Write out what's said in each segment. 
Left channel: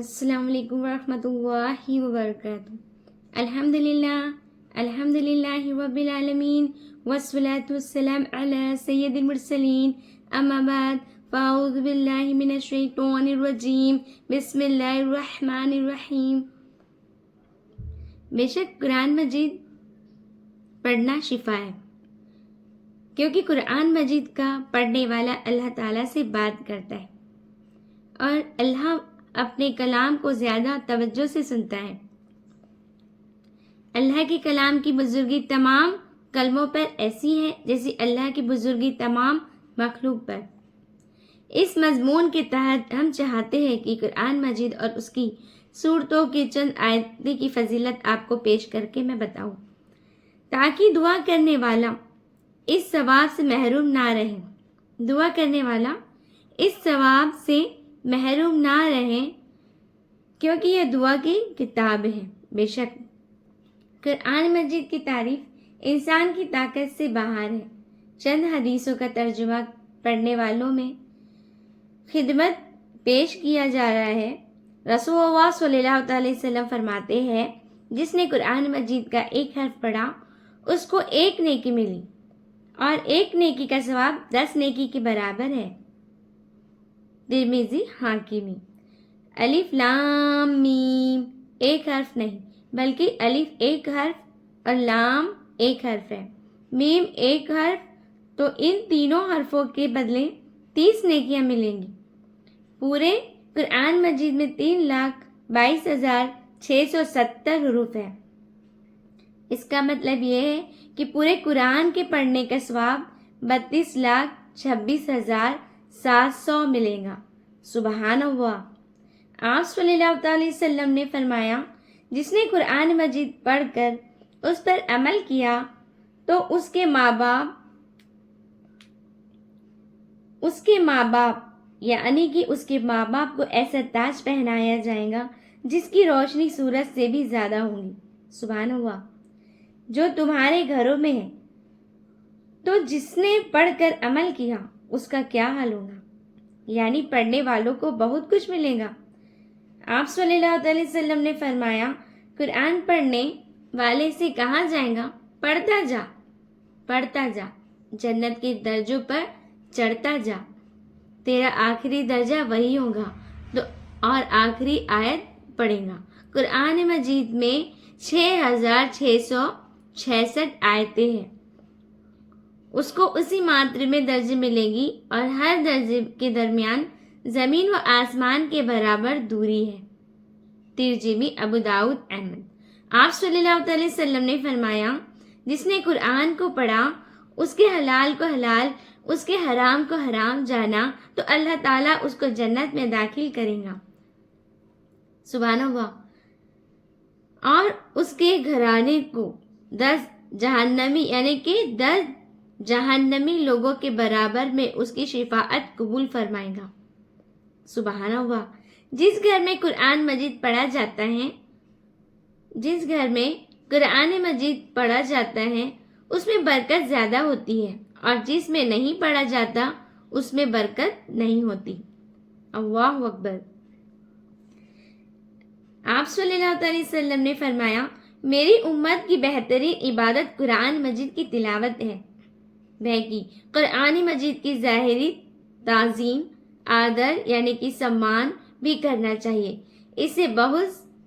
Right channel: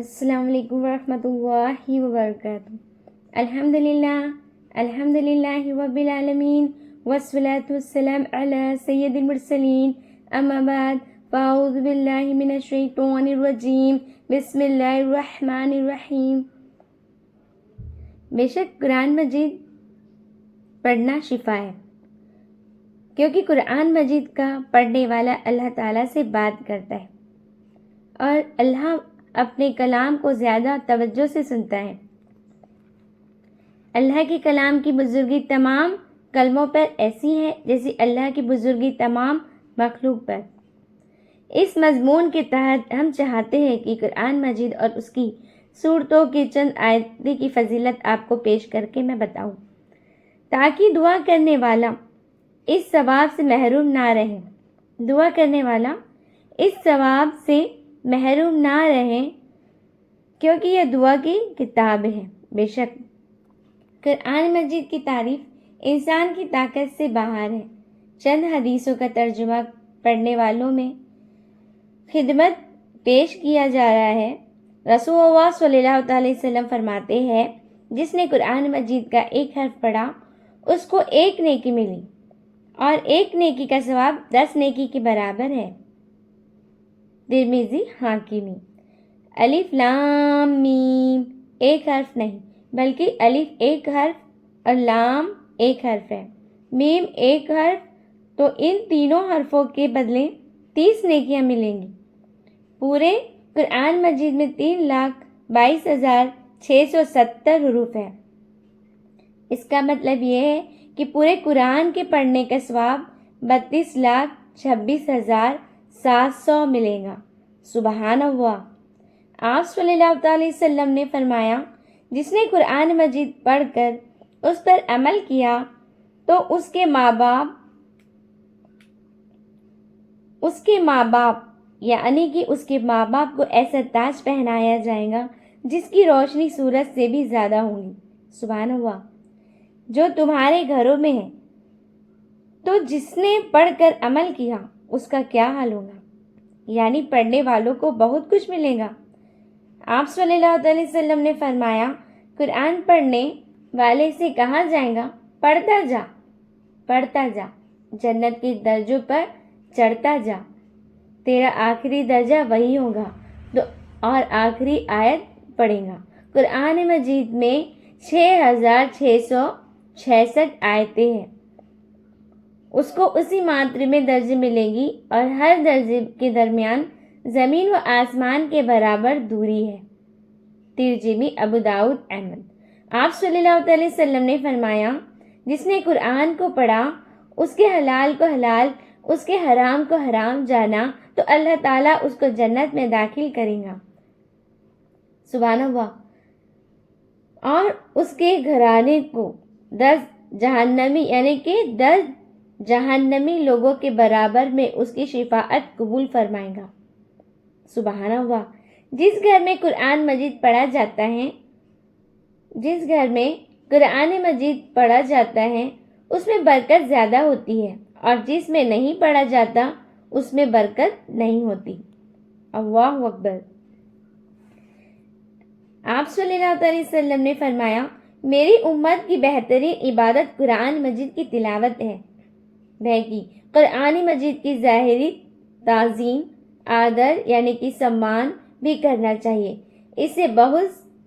السلام علیکم ورحمۃ اللہ وبرکاتہ۔ الحمدللہ رب العالمین والصلاة والسلام علی سید المرسلین، اما بعد فاعوذ باللہ من الشیطان الرجیم، بسم اللہ الرحمن الرحیم۔ بے شک قرآن مجید پڑھنا شفا ہے، کیونکہ قرآن مجید کا پڑھنے والا اللہ تعالیٰ سے بات کرتا ہے اور اللہ اپنے کلام کو زیادہ توجہ سے سنتا ہے۔ اللہ کے کلام کی بزرگی تمام کلموں پر ایسی ہے جیسے اللہ کی بزرگی تمام مخلوق پر۔ اس مضمون کے تحت ہم چاہتے ہیں کہ قرآن مجید اور اس کی سورتوں کی چند آیتیں کی فضیلت آپ کو پیش کر کے میں بتاؤں، تاکہ دعا کرنے والا اس ثواب سے محروم نہ رہے۔ دعا کرنے والا اس ثواب سے محروم نہ رہیں، کیونکہ یہ دعا کی کتاب ہے۔ بے شک قرآن مجید کی تعریف انسان کی طاقت سے باہر ہے۔ چند حدیثوں کا ترجمہ پڑھنے والوں میں خدمت پیش کیا جا رہا ہے۔ رسول اللہ صلی اللہ علیہ وسلم فرماتے ہیں، جس نے قرآن مجید کا ایک حرف پڑھا اس کو ایک نیکی ملی، اور ایک نیکی کا ثواب 10 نیکی کے برابر ہے۔ ترمذی حاکمی۔ الف لام میم ایک حرف نہیں، بلکہ الف ایک حرف اور لام ایک حرف ہے، میم ایک حرف، تو ان تینوں حرفوں کے بدلے 30 نیکیاں ملیں گی۔ پورے قرآن مجید میں 3,22,670 حروف ہے۔ اس کا مطلب یہ ہے کہ پورے قرآن کے پڑھنے کا ثواب 32,26,700 ملے گا۔ سبحان اللہ۔ آپ صلی اللہ علیہ وسلم نے فرمایا، جس نے قرآن مجید پڑھ کر اس پر عمل کیا تو اس کے ماں باپ کو ایسا تاج پہنایا جائے گا جس کی روشنی سورج سے بھی زیادہ ہوگی۔ سبحان اللہ۔ جو تمہارے گھروں میں ہے، تو جس نے پڑھ کر عمل کیا اس کا کیا حال ہوگا؟ یعنی پڑھنے والوں کو بہت کچھ ملے گا۔ آپ صلی اللہ علیہ وسلم نے فرمایا، قرآن پڑھنے والے سے کہا جائے گا، پڑھتا جا، جنت کے درجوں پر چڑھتا جا، تیرا آخری درجہ وہی ہوگا، تو اور آخری آیت پڑھے گا۔ قرآن مجید میں 6,666 آیتیں ہیں۔ اس کو اسی ماترے میں درجے ملے گی، اور ہر درجے کے درمیان زمین و آسمان کے برابر دوری ہے۔ ترجمہ ابو داؤد احمد۔ آپ صلی اللہ علیہ وسلم نے فرمایا، جس نے قرآن کو پڑھا، اس کے حلال کو حلال، اس کے حرام کو حرام جانا، تو اللہ تعالیٰ اس کو جنت میں داخل کرے گا۔ سبحان اللہ۔ اور اس کے گھرانے کو 10 جہنمی یعنی کہ 10 جہنمی لوگوں کے برابر میں اس کی شفاعت قبول فرمائے گا۔ سبحان اللہ۔ جس گھر میں قرآن مجید پڑھا جاتا ہے اس میں برکت زیادہ ہوتی ہے، اور جس میں نہیں پڑھا جاتا اس میں برکت نہیں ہوتی۔ اللہ اکبر۔ آپ صلی اللہ علیہ وسلم نے فرمایا، میری امت کی بہترین عبادت قرآن مجید کی تلاوت ہے۔ بہکی قرآن مجید کی ظاہری تعظیم، آدر یعنی کہ سمان بھی کرنا چاہیے، اس سے بہت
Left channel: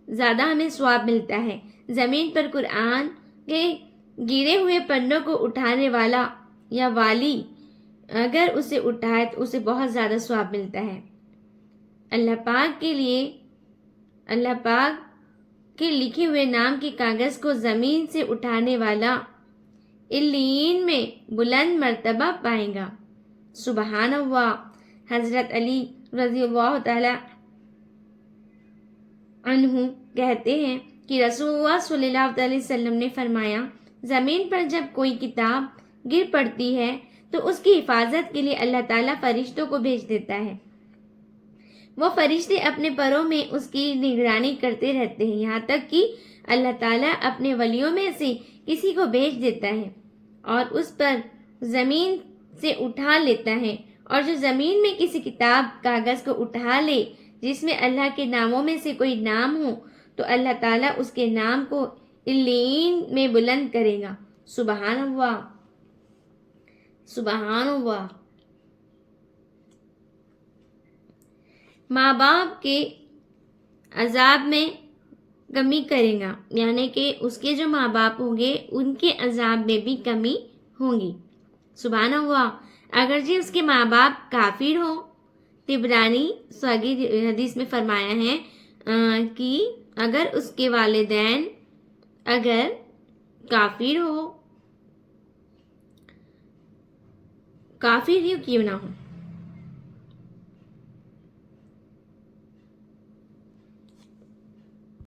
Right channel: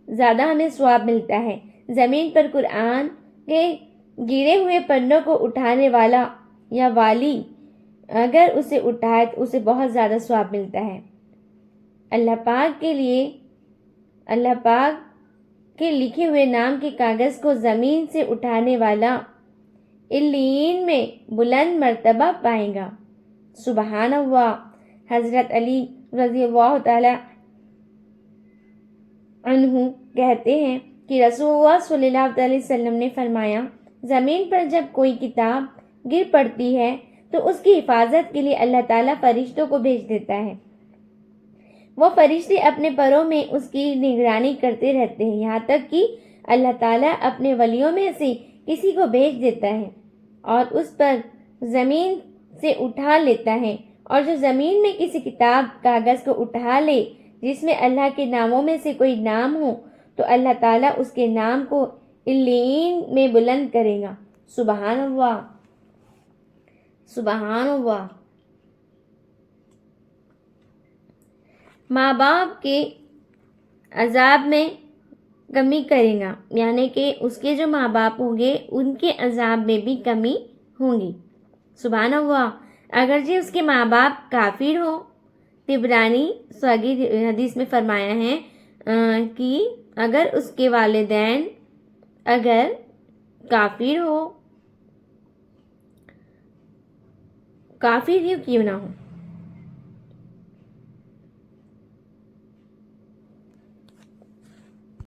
زیادہ ہمیں ثواب ملتا ہے۔ زمین پر قرآن کے گرے ہوئے پنوں کو اٹھانے والا یا والی اگر اسے اٹھائے تو اسے بہت زیادہ ثواب ملتا ہے۔ اللہ پاک کے لکھے ہوئے نام کے کاغذ کو زمین سے اٹھانے والا علیین میں بلند مرتبہ پائے گا۔ سبحان اللہ۔ حضرت علی رضی اللہ تعالی عنہ کہتے ہیں کہ رسول اللہ صلی اللہ علیہ وسلم نے فرمایا، زمین پر جب کوئی کتاب گر پڑتی ہے تو اس کی حفاظت کے لیے اللہ تعالیٰ فرشتوں کو بھیج دیتا ہے۔ وہ فرشتے اپنے پروں میں اس کی نگرانی کرتے رہتے ہیں، یہاں تک کہ اللہ تعالیٰ اپنے ولیوں میں سے کسی کو بھیج دیتا ہے اور اس پر زمین سے اٹھا لیتا ہے، اور جو زمین میں کسی کتاب کاغذ کو اٹھا لے جس میں اللہ کے ناموں میں سے کوئی نام ہو تو اللہ تعالیٰ اس کے نام کو علین میں بلند کرے گا۔ سبحان اللہ، سبحان اللہ۔ ماں باپ کے عذاب میں کمی کرے گا، یعنی کہ اس کے جو ماں باپ ہوں گے ان کے عذاب میں بھی کمی ہوں گی۔ سبحان اللہ۔ اگرچہ اس کے ماں باپ کافر ہوں، طبرانی صغیر حدیث میں فرمایا ہے کہ اگر اس کے والدین اگر کافر ہی کیوں نہ ہو،